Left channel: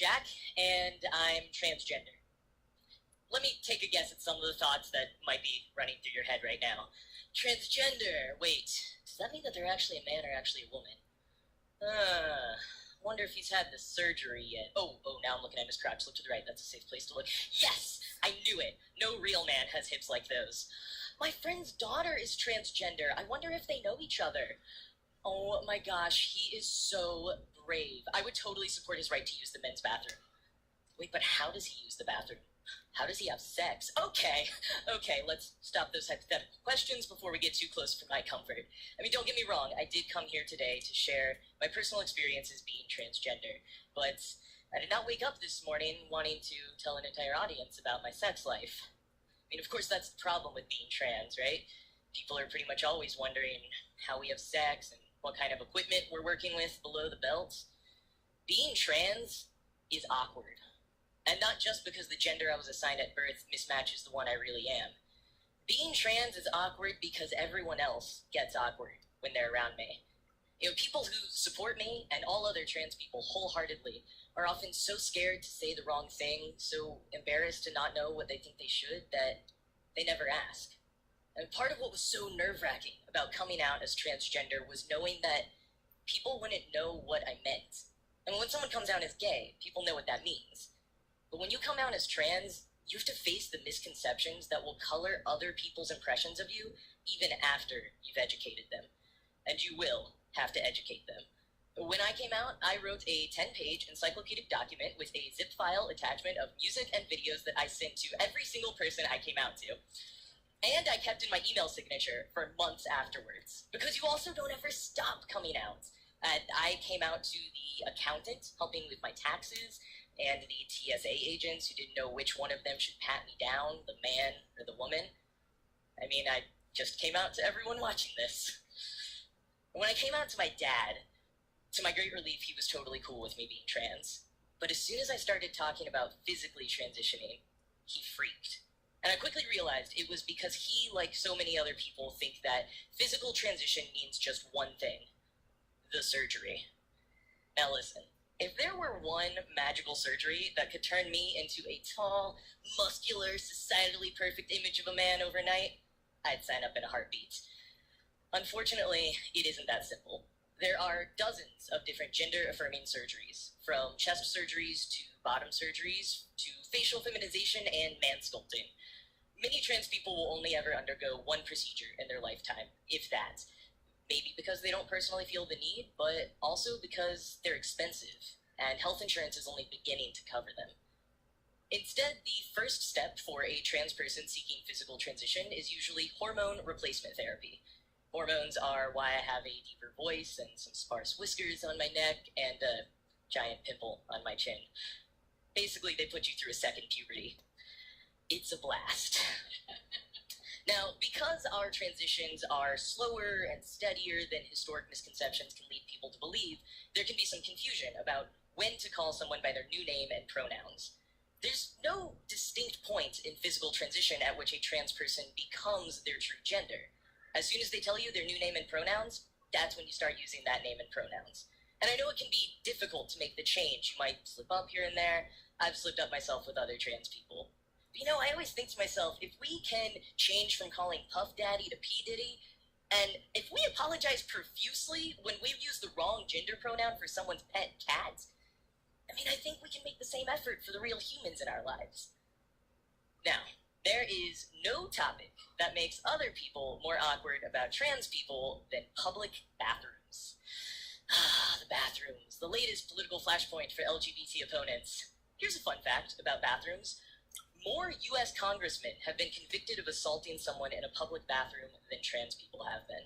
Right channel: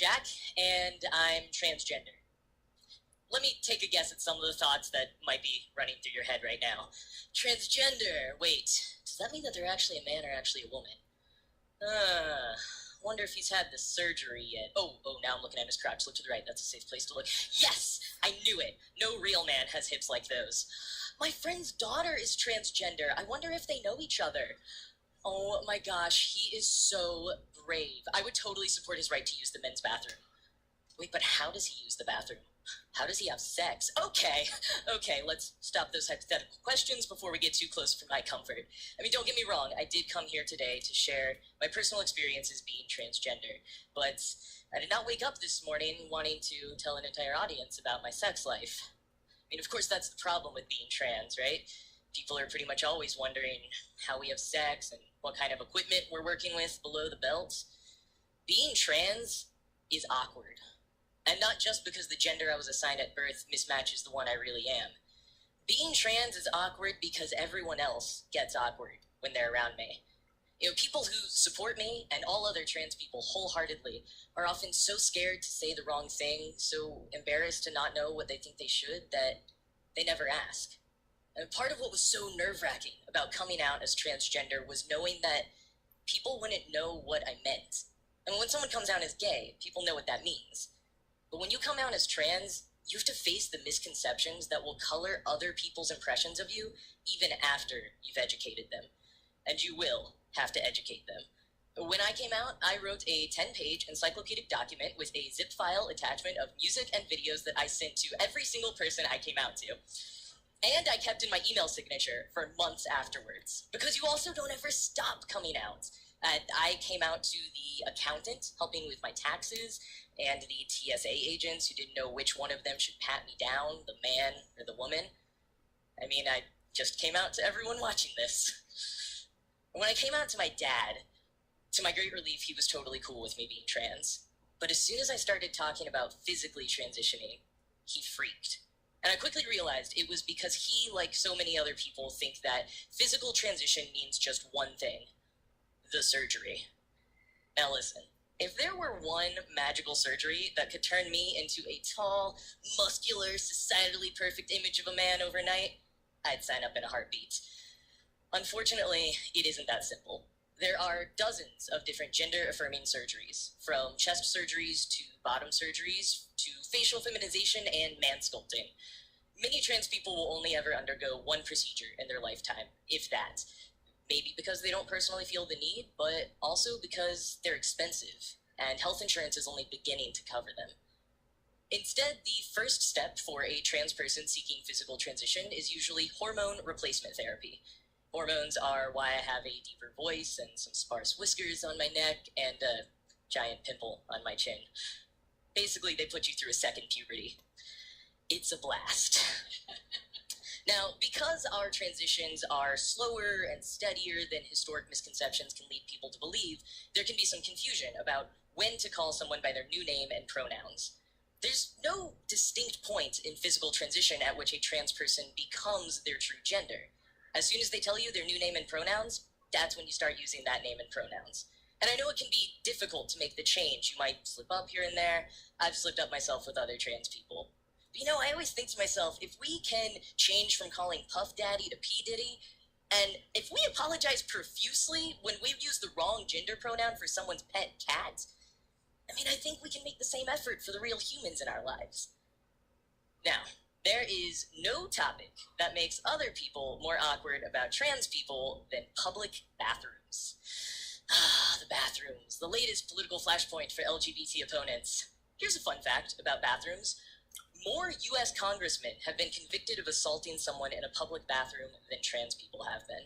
Jack, and I'm transgender. Let me take a guess at some of the thoughts that might be running through your head right now. Transgender, wait, does that mean that they're actually a man or actually a woman? Wonder if he's had the surgery yet. Oh, now I'm looking at his crotch. Look to the right, that's a safe place to look. Yes, I knew it. No real man has hips like those. My friend's daughter is transgender. I wonder if they know each other. Oh my gosh, he is so brave. I would totally support his right to use the men's bathroom. Wait, but how does he use the bathroom? How does he have sex? Okay, let's stop those hypothetical questions before we get too close for my comfort. I mean, don't get me wrong, I did come here today to share my personal experiences being transgender, but I did not wake up this morning wanting to tell an entire audience about my sex life. I mean, of course, that's the problem with being trans, right? People are pretty much always wondering how we have sex and what kind of equipment we're working with below the belt. Being trans is awkward. And not just because the gender I was assigned at birth mismatches the one I really am. Being trans is awkward because everyone else gets awkward when they're around me. You know, people who support me and all other trans people wholeheartedly are often so scared to say the wrong thing, so embarrassed to not know what they think they should, that they never ask. And part of what was so nerve-wracking about coming out as transgender was knowing that people wouldn't know what I meant. And when someone comes out as gay, people know what that means. But when you come out as trans, you have to face the misconceptions that will color other people's impressions of you even after you've educated them. And you will have to educate them. When I came out, I wrote a 10-page encyclopedic document with a zip file attachment of music and videos that I sent to every single person I came out to. And I kept in my email signature for months afterwards, because you also don't ever stop coming out. I came out to the accountant helping with my taxes, and the TSA agents who didn't know which one of them should pat me down, the man or the woman. I mean, I just came out to everyone watching this. When I came out to my dad, to my great relief, he was totally cool with me being trans. But as soon as I started talking about physically transitioning, he freaked. And I quickly realized it was because he, like so many other people, think that physical transition means just one thing: the surgery. Now listen, if there were one magical surgery that could turn me into a tall, muscular, societally perfect image of a man overnight, I'd sign up in a heartbeat. Unfortunately, it isn't that simple. There are dozens of different gender-affirming surgeries, from chest surgeries to bottom surgeries to facial feminization and man sculpting. Many trans people will only ever undergo one procedure in their lifetime, if that. Maybe because they don't personally feel the need, but also because they're expensive, and health insurance is only beginning to cover them. Instead, the first step for a trans person seeking physical transition is usually hormone replacement therapy. Hormones are why I have a deeper voice and some sparse whiskers on my neck and a giant pimple on my chin. Basically, they put you through a second puberty. It's a blast. Now, because our transitions are slower and steadier than historic misconceptions can lead people to believe, there can be some confusion about when to call someone by their new name and pronouns. There's no distinct point in physical transition at which a trans person becomes their true gender. As soon as they tell you their new name and pronouns, that's when you start using that name and pronouns. And I know it can be difficult to make the change. You might slip up here and there. I've slipped up myself with other trans people. But, I always think to myself, if we can change from calling Puff Daddy to P. Diddy, and if we apologize profusely when we use the wrong gender pronoun for someone's pet cat, I think we can make the same effort for the real humans in our lives. Now, there is no topic that makes other people more awkward about trans people than public bathrooms. The bathrooms, the latest political flashpoint for LGBT opponents. Here's a fun fact about bathrooms. More U.S. congressmen have been convicted of assaulting someone in a public bathroom than trans people have been.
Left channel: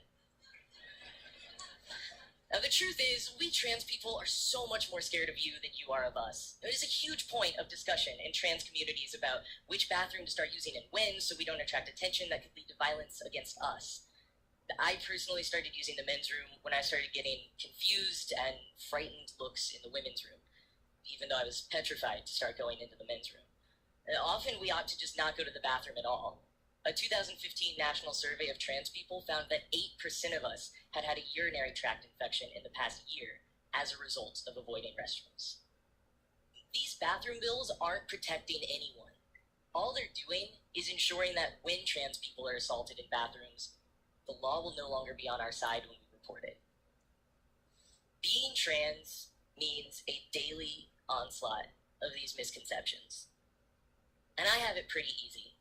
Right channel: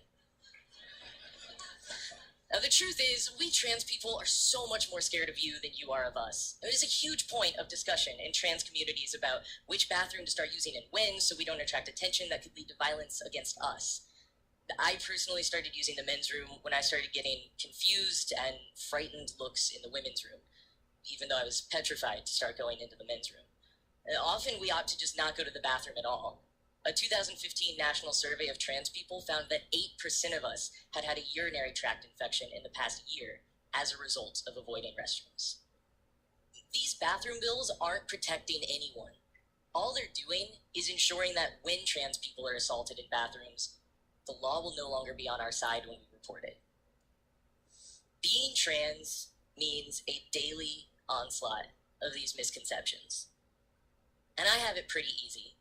Now, the truth is, we trans people are so much more scared of you than you are of us. There's a huge point of discussion in trans communities about which bathroom to start using and when, so we don't attract attention that could lead to violence against us. I personally started using the men's room when I started getting confused and frightened looks in the women's room, even though I was petrified to start going into the men's room. Often we opt to just not go to the bathroom at all. A 2015 national survey of trans people found that 8% of us had had a urinary tract infection in the past year as a result of avoiding restrooms. These bathroom bills aren't protecting anyone. All they're doing is ensuring that when trans people are assaulted in bathrooms, the law will no longer be on our side when we report it. Being trans means a daily onslaught of these misconceptions. And I have it pretty easy.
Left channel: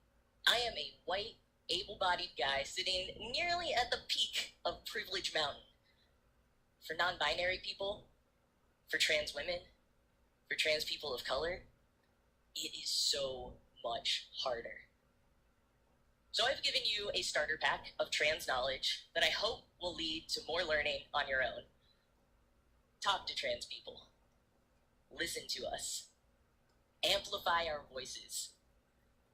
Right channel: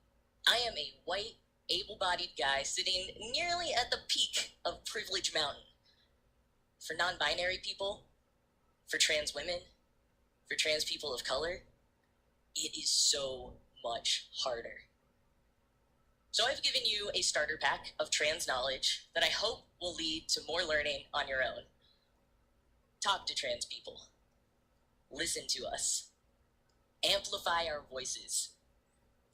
I am a white, able-bodied guy sitting nearly at the peak of Privilege Mountain. For non-binary people, for trans women, for trans people of color, it is so much harder. So I've given you a starter pack of trans knowledge that I hope will lead to more learning on your own. Talk to trans people. Listen to us. Amplify our voices.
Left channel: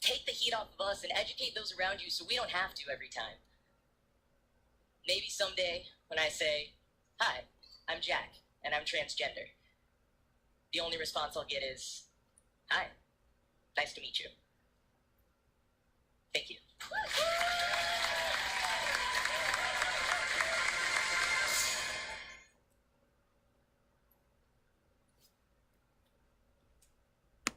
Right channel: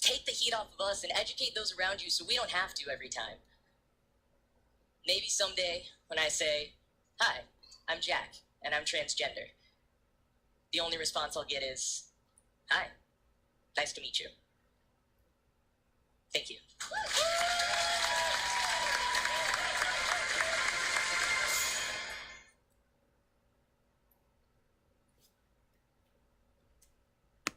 Take the heat off of us and educate those around you so we don't have to every time. Maybe someday when I say, "Hi, I'm Jack, and I'm transgender," the only response I'll get is, "Hi, nice to meet you." Thank you.